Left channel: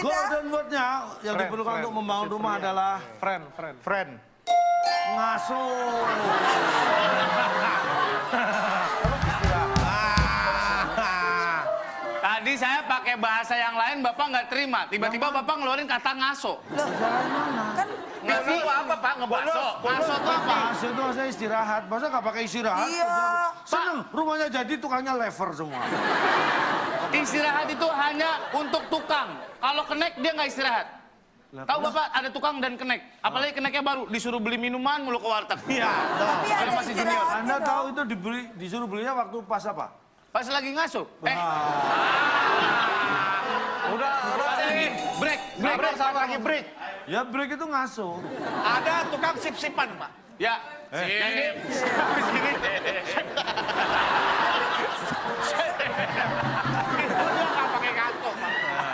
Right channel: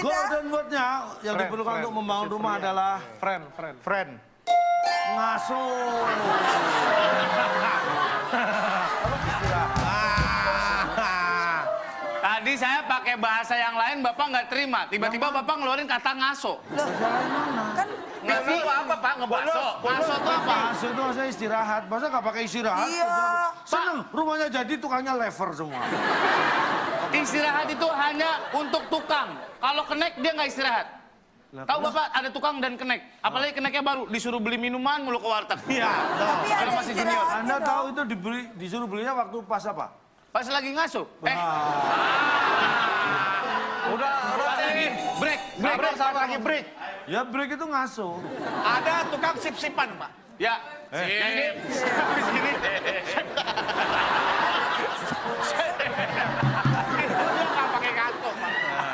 sedikit ya. Golden word-nya yang diperlukan untuk membangun rumah adalah Friend. ngasuh. Tadi saya pakai bahasa yang lain, Bapak nggak terima. Tiba-tiba Bapak ngeluarin kata ngaso. Loh, kan Ngaso itu apa, Pak? Ngebaso. Ngaso itu apa? Ngasuh itu maksudnya istirahat. Masa nggak pakai istirahat? Iya. Seneng, rumahnya jadi tukangnya lever semua. Istirahat itu hanya untuk tukang. Kalau kenek dia nggak istirahat. Tahu Bapak ada tukang dan kenek. Apalagi keneknya baru disuruh beli minuman mulu ke warteg. Iya. Kalau masih junior. Anda tahu itu disuruh belinya waktu pas apa? Pas lagi ngaso. Udah Break. lagi break. Ya break itu ngasuh. Ada tukang sip-sipan, Pak. Ya.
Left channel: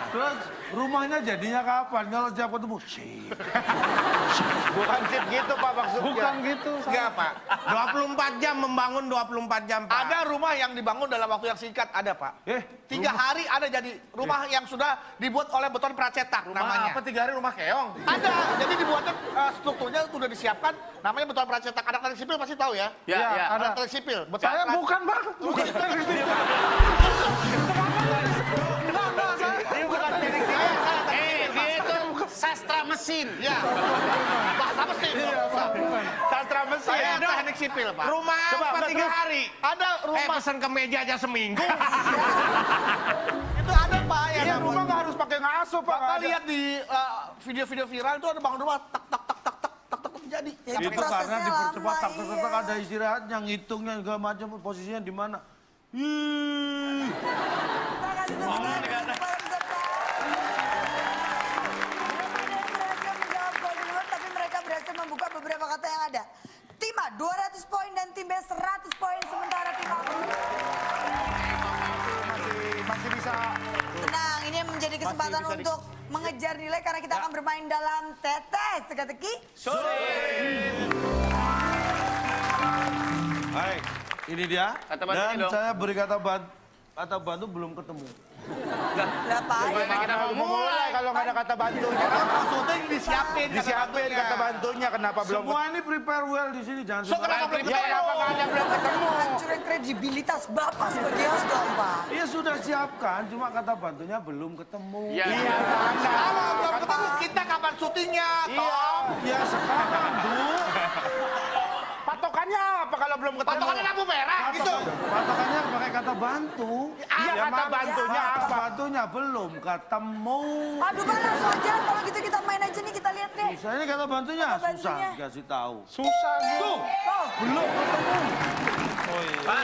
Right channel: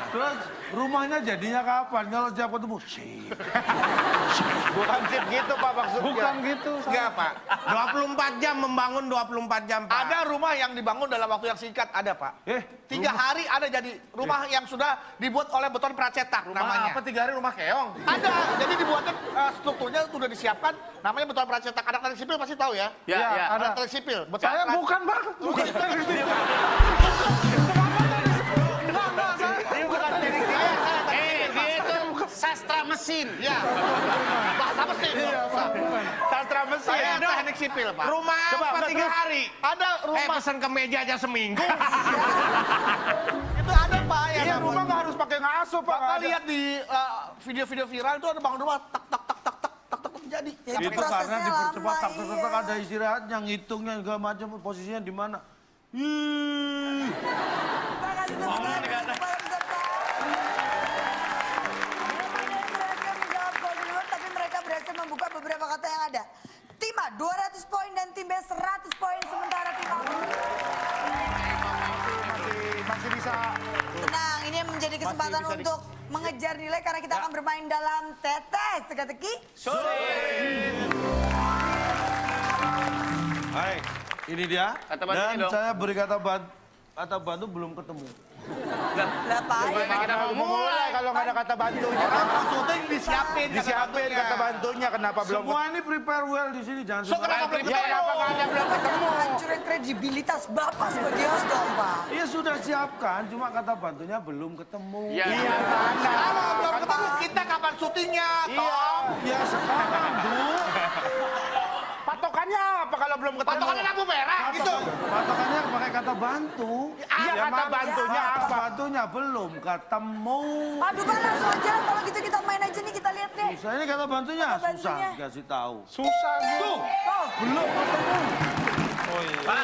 Terus rumahnya jadinya kapan? Kalau tiap ketemu Bukan sip gitu, Pak, maksudnya. Bukan gitu. Enggak, Pak. 24 jam membangun 24 jam, Pak. Ada rumah yang dibangun dalam waktu yang singkat, ada Pak. 3 hari ada jadi rumah yang sudah dibuat oleh beton pracetak namanya. Apa 3 hari rumah keong? Ada, jadi dibuatnya strukturnya sudah disiapkan, namanya beton pracetak. Anak teknik sipil pasti tahu ya? Ya, ya. Anak teknik sipil. Beton Saya bukan, Pak. Bukan teknik sipil. Dia itu sastra mesin. Ya, bahasa mesin. Sastra mesin. Saya teknik sipil Pak. Rumah apa 3 hari? Ada rumah, Pesan ke meja aja seminggu. itu ada Pak. Ya, Iya, rumah nggak harus pakai ngasuh, Pak. Bapak lihat di video-video viral itu ada bangun rumah tak tak tak tak tak tak tak jadi. Ya, Itu karena prosesnya dipercepat, lama, tak iya. ada istirahatnya, ngitungnya segala macam, posisinya di mana. Ih. Terima kasih banyak untuk para peserta. Mereka menjawab golden word, tapi mereka berhasil membuka beberapa kata yang ada. Tim A 200 poin dan tim B 100 poin, sementara tim A Masih bisa. tenang, ini menjadi kesempatan bisa untuk mengejar nilai karena kita akan bermain dalam tetes teka-teki. Hai, ini dia. Kata bantu Dan dong. saya beri kata bantu belum ketemu. Berapa aja? Kita mau mulai Kalau nggak ada kata bantu. Maksudnya disiapin. Disiapin kata bantunya, kenapa belum Semua ini prepare well di sini, jangan So, kenapa sembarangan. belum ketemu? Hancurin kredibilitas Bapak seperti itu dong, Pak. Iya sudah siapkan, cuma kata bantunya belum ketemu. Iya. Kalau belum ketemu kita kapan syutingnya? Tom? Ya sekarang, Bu. Patokannya apa kalau belum ketemu? Patokannya lampu merah gitu. Patokannya pakai kata bantu. Iya, kata bantunya Kata apa? bantunya belum ketemu. Aduh, Pak, langsung aja. Kalau gitu kita main aja nih, kita lihat deh. Saya ini kata bantunya Kata susah bantunya. dikasih tahu. Susah gitu. Oh, Belum ketemu.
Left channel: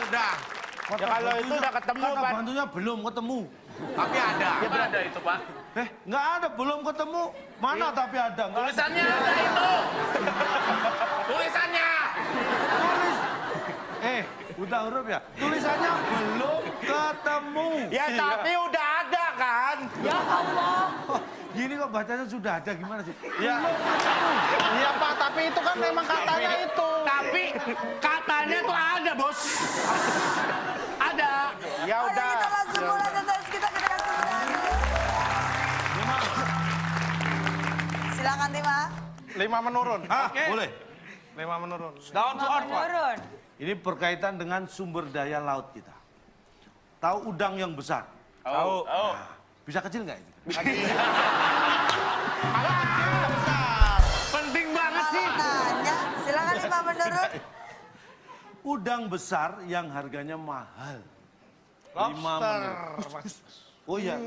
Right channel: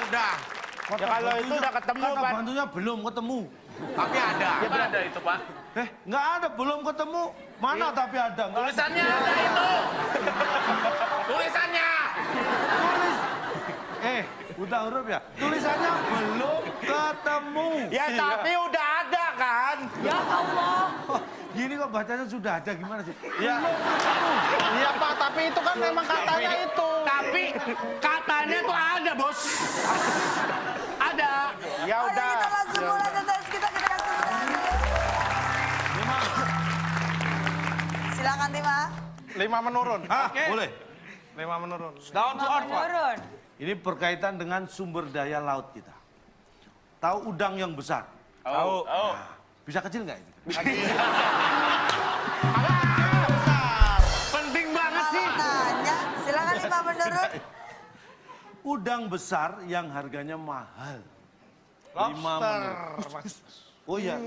Udah. Ya kalau itu udah ketemu, Kata Pak. bantunya belum ketemu. Tapi ada. Ada itu Pak. Nggak ada, belum ketemu. Mana tapi ada? Nggak ada. Tulisannya. Tulisannya. Udah huruf ya? Tulisannya belum ketemu. Ya tapi udah ada kan? ya Allah. Gini kok bacanya sudah ada, gimana sih? Ya. Iya Pak, tapi itu kan memang katanya itu. Tapi katanya tuh ada, Bos. Ada. Ya Ayo udah. kita langsung mulai tetes kita kasih silakan tim A. 5 menurun. Hah, boleh. 5 menurun. Down to earth Pak. Turun. Ini berkaitan dengan sumber daya laut kita. Tahu udang yang besar? Tahu. Nah, bisa kecil nggak itu? Penting banget sih. Tanya, silakan 5 menurun. Udang besar yang harganya mahal. 5 Lobster. menit. Oh iya. Ya,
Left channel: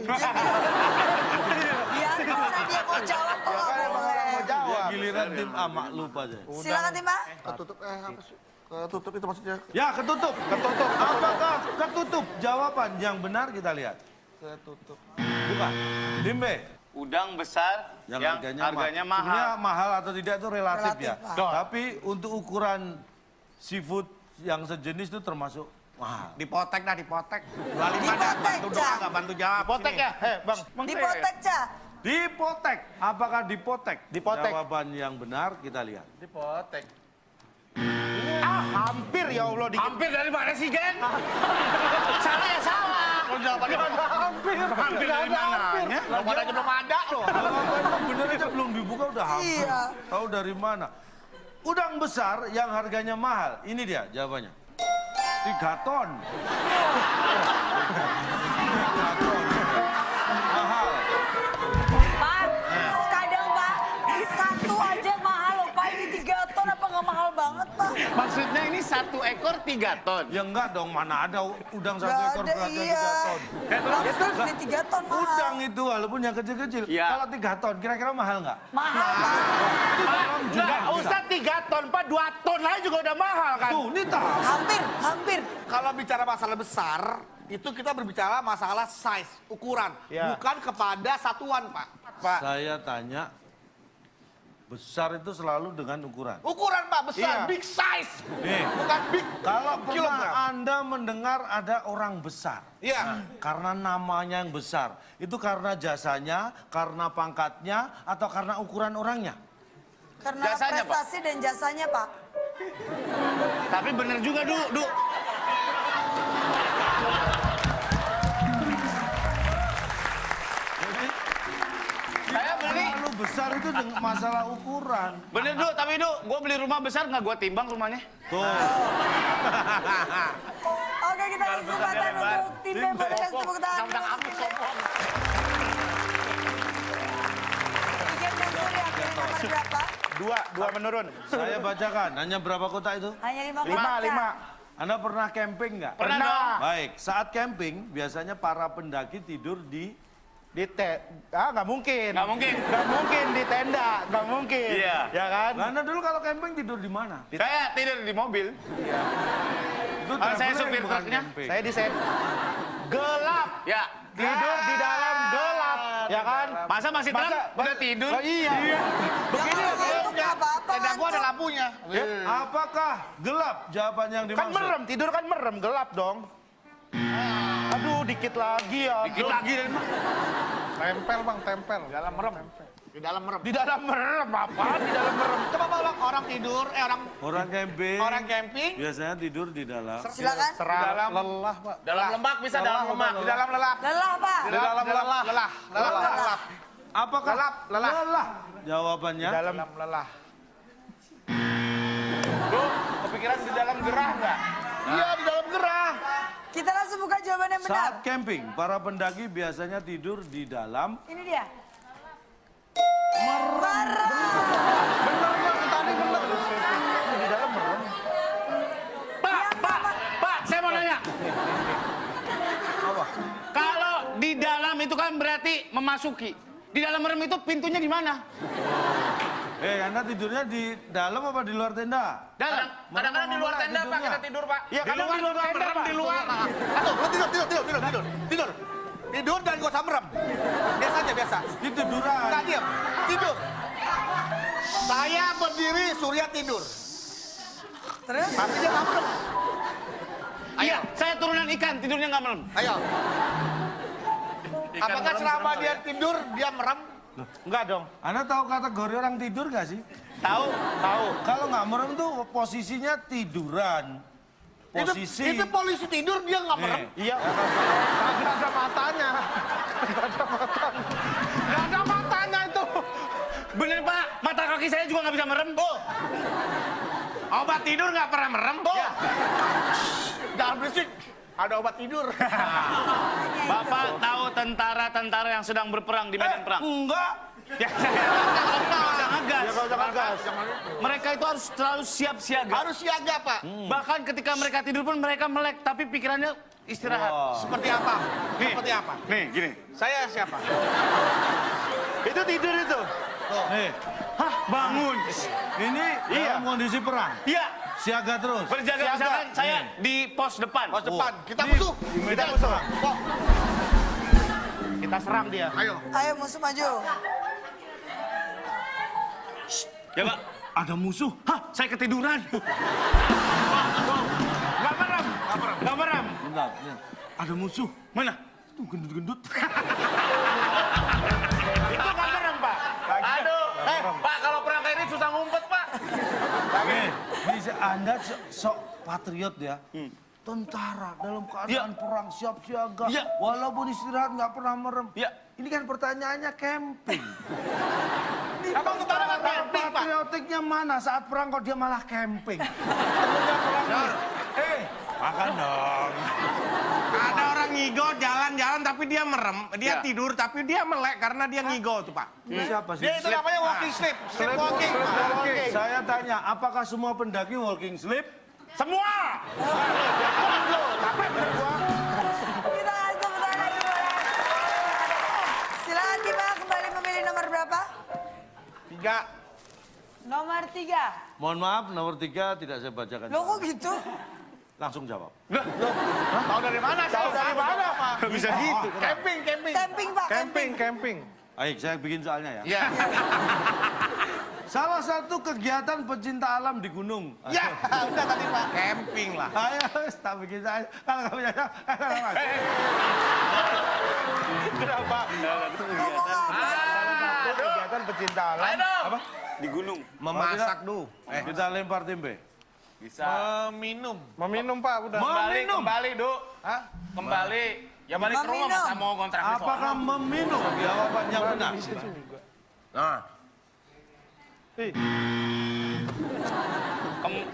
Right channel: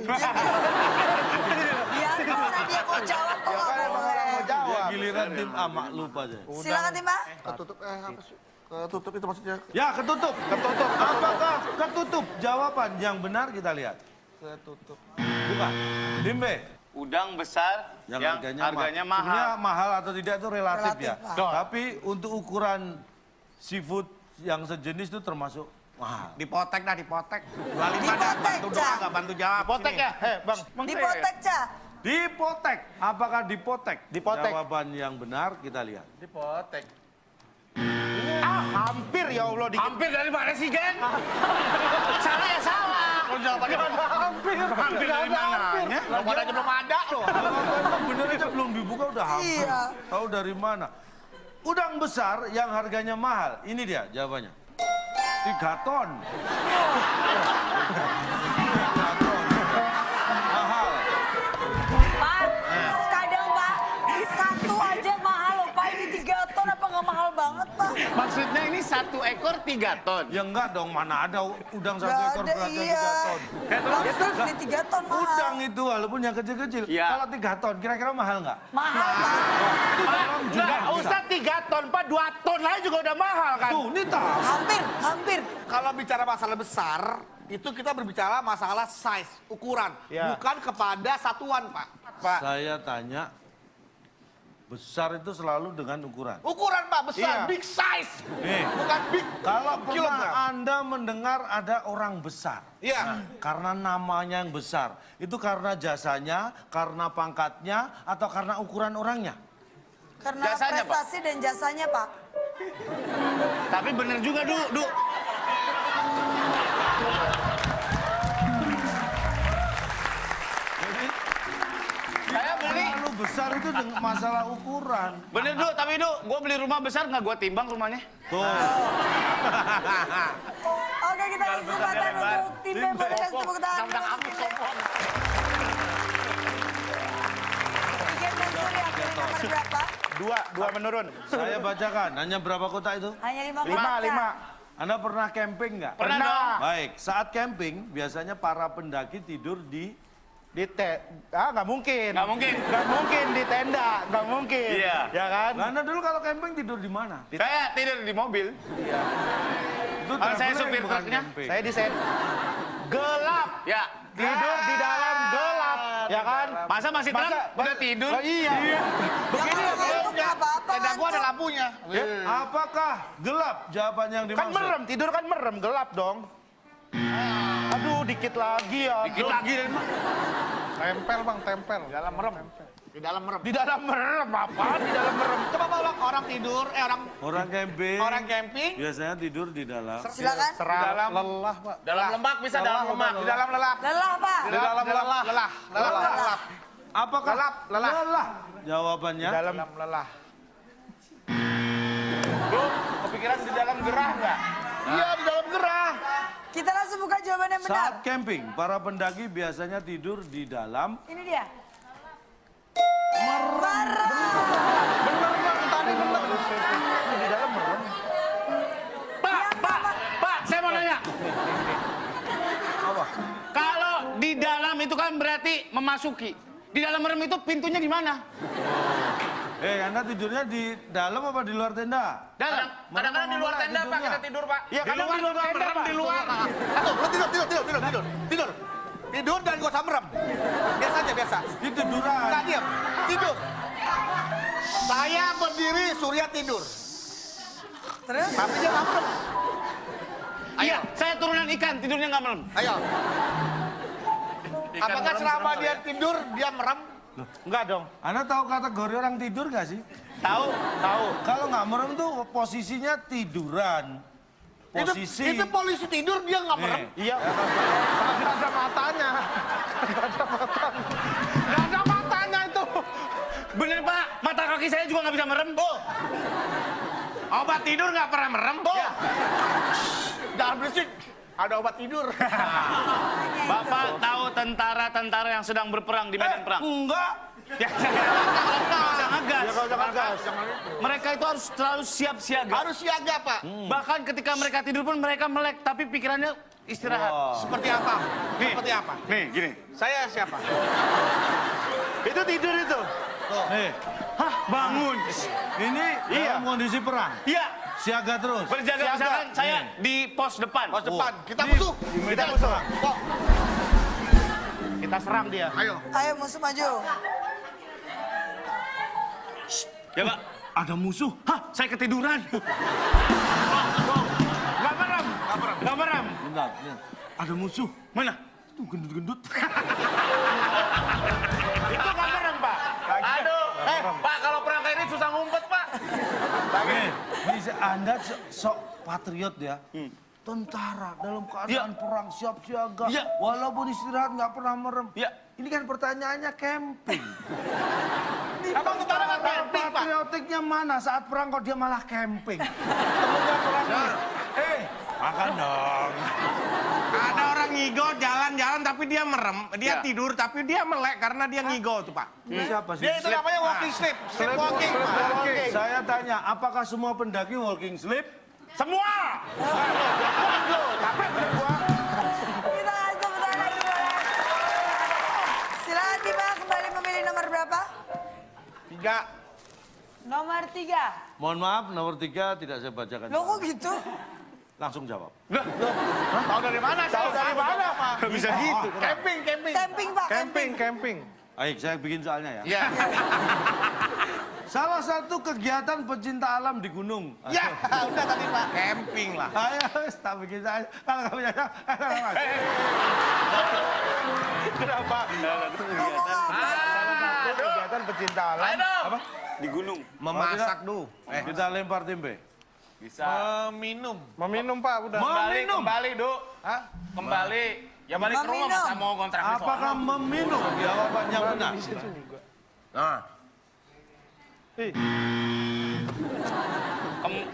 gimana dia mau jawab kok nggak boleh. Ya, giliran tim A maklum aja. Silakan tim A. Ketutup apa sih? Ketutup itu maksudnya. Ya, ketutup. Ketutup. Apakah ketutup? Jawaban yang benar kita lihat. Ketutup. Bukan. Tim B. Udang besar yang harganya Sebenarnya mahal. mahal atau tidak itu relatif, Relatif, ya. Pak. Tapi untuk ukuran seafood yang sejenis itu termasuk mahal. Dipotek dah, dipotek. Dipotek, Cak. Nggak bantu jawab. Potek ya? Bang. Dipotek, Cak. Dipotek. Apakah dipotek? Dipotek. Jawaban yang benar kita lihat. Dipotek. Hampir ya Allah dikit. Hampir dari mana sih, Gen? Salah ya salah. Jawabannya Hampir. Hampir ada hampir. Lo aja belum ada loh. Bener aja belum dibuka udah hampir. Iya. Tahu dari mana? Udang besar yang harganya mahal. Ini dia jawabannya. 3 ton. 3 ton. Mahal. Pak, kadang Pak, satu aja mahal loh Pak. Ini 3 ton apa nggak mahal banget Pak? Maksudnya ini 1 ekor 3 ton. Ya enggak dong, mana ada udang 1 Nggak ekor ada, beratnya iya. 3 ton. Lobster ini 3 ton mahal. Udang itu walaupun yang kecil-kecil. Iya. Kalau 3 ton kira-kira mahal nggak? Mahal Pak. Enggak usah 3 ton, Pak. 2 ton aja juga udah mahal kan. Tuh, ini tahu. Hampir. Kalau bicara masalah besar, itu kita berbicara masalah size, ukuran. Ya. Bukan kepada satuan, Pak. Pak. Saya tanya, besar itu selalu dengan ukuran. Ukuran, Pak, besar. Iya. Big size. Nih, Bukan big kalau pernah kilogram. Anda mendengar ada orang besar, Iya. karena namanya yang besar, itu karena jasanya, karena pangkatnya, atau karena ukuran orangnya? Karena Jasanya, Pak. prestasi dan jasanya Pak. Tapi bener juga, Du. Saya beli. Terlalu besar itu dengan masalah ukuran. Bener, Du. Tapi, Du, gue beli rumah besar nggak gue timbang rumahnya. Tuh. Oke, kita langsung kesempatan untuk tim B. Boleh kasih tepuk tangan. Tentang aku sombong. Hujan Mansur yang nomor berapa? 2 menurun. Saya bacakan, hanya berapa kota itu? Hanya 5 5. Anda pernah camping nggak? Pernah dong. Baik, saat camping biasanya para pendaki tidur di Nggak mungkin. Nggak mungkin. Nggak mungkin di tenda, nggak mungkin. Iya. Ya kan? Anda dulu kalau camping tidur di mana? Saya tidur di mobil. Itu Kalau saya traveling, supir bukan truknya, camping. Saya di gelap. Ya. Tidur di dalam gelap, ya kan? Masa masih terang? Udah tidur? Oh, iya. Begini nggak apa-apa. Tenda gua ada ngantuk. lampunya. Apakah gelap jawaban yang Kan dimaksud? merem, tidur kan merem, gelap dong. Aduh, dikit lagi ya. Dikit lagi. Tempel bang, tempel. Dalam merem. Di dalam merem. Di dalam merem apa? Di dalam merem. Coba bawa orang tidur, Orang camping camping. biasanya tidur di dalam. Silakan. Serah lelah pak. Dalam lemak bisa dalam lemak. Di dalam lelah. Lelah Pak. Di dalam lelah. Lelah. Apakah Lelah. Jawabannya Dalam Lelah. kepikiran di dalam gerah nggak? Iya, di dalam gerah. Kita langsung buka jawaban yang benar. saat camping para pendaki biasanya tidur di dalam. Ini dia. Di dalam merem. Pak, saya mau nanya. Kalau di dalam itu kan berarti memasuki. Di dalam merem itu pintunya di mana? Anda tidurnya di dalam apa di luar tenda? Dalam. Kadang-kadang di luar tenda, Pak, kita tidur, Pak. Ya Di kadang luar di luar juga tenda merem, pak. di luar. Aduh, lo tidur. Tidur dan gak usah merem. Biasa aja, biasa. Itu tiduran. Nggak diam. Tidur. Saya berdiri, Surya tidur. Terus? Tapi dia nggak merem. Iya, saya turunan ikan, tidurnya nggak merem. Ayo. Apakah selama dia tidur, dia merem? Enggak dong. Anda tahu kategori orang tidur gak sih? Tahu. Kalau nggak merem tuh posisinya tiduran. Posisi. Itu polisi tidur, dia nggak merem. Iya. Nggak ada matanya. Nggak ada matanya itu. Bener Pak, mata kaki saya juga nggak bisa merem. Obat tidur nggak pernah merem. Oh. Jangan berisik. Ada obat tidur. Bapak tahu tentara-tentara yang sedang berperang di medan perang? Enggak. Ya, jangan gas. Jangan gas. Mereka itu harus selalu siap siaga. Harus siaga, Pak. Bahkan ketika mereka tidur pun mereka melek, tapi pikirannya istirahat. Wah. Seperti apa? Nih. Seperti apa? Nih, gini. Saya siapa? Itu tidur itu. Nih, Hah, bangun. ini dalam kondisi perang. Iya, Siaga terus. berjaga misalkan saya di pos depan. Pos depan. Kita Nih, musuh. di Kita medan musuh. perang. Kok? Kita serang dia. Ayo. Ayo musuh maju. Ya Pak. Ada musuh. Hah, saya ketiduran. Nggak merem. Nggak merem. Bentar, bentar. Ada musuh. Mana? Tuh gendut-gendut. Itu nggak merem pak. Aduh. Pak, kalau perang kayak ini susah ngumpet, Pak. Nih, Anda sok patriot ya. tentara dalam keadaan perang siap siaga, Ya. walaupun istirahat nggak pernah merem. Ya. Ini kan pertanyaannya camping. Abang tentara nggak camping, Pak. Patriotiknya mana saat perang kok dia malah camping? Makan dong. Ada orang ngigo jalan-jalan tapi dia merem, dia Ya. tidur tapi dia melek karena dia ngigo tuh Pak. Ini siapa sih? Dia itu namanya walking sleep. Sleepwalking. Oke, saya tanya, apakah semua pendaki walking sleep? Semua. Silakan Bima kembali memilih nomor berapa? 3. Nomor 3. Mohon maaf, nomor 3 tidak saya bacakan. Loh kok gitu? Langsung jawab. Tahu dari mana? Tahu dari mana, Pak? Bisa gitu. Camping. Camping Pak, camping. Camping. Baik, saya bikin soalnya ya. Ya. Salah satu kegiatan pecinta alam di gunung. Ya, udah tadi, Pak. Camping lah. Ayo, tak bikin saya. Kenapa? Kegiatan pecinta alam. Ayo dong. Apa? Di gunung. Memasak dulu. Kita lempar tempe. Bisa. Minum. Meminum Pak, udah. Meminum. Kembali, Duk. Hah? Kembali. Ya balik ke rumah Meminum. masa mau kontrak di Apakah sono. meminum? Jawaban yang benar. Nah,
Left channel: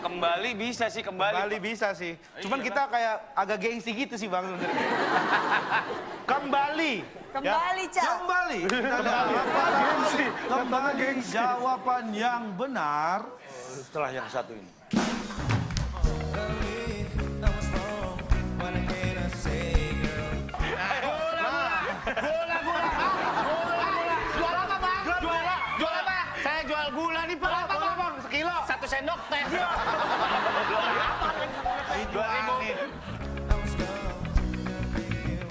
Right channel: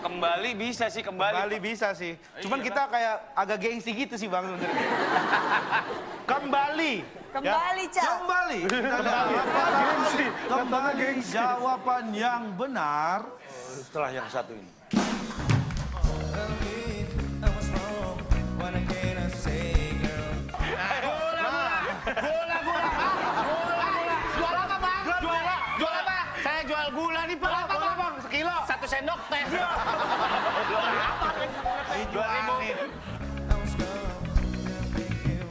Kembali bisa sih, kembali bisa sih. Cuman kita kayak agak gengsi gitu sih Bang. Kembali. Kembali, Cak. Kembali. Kita lihat kembali jawaban yang benar setelah yang satu ini. Jual apa bang? Jual apa? Saya jual gula nih pak. Berapa bang? Sekilo. 1 sendok teh.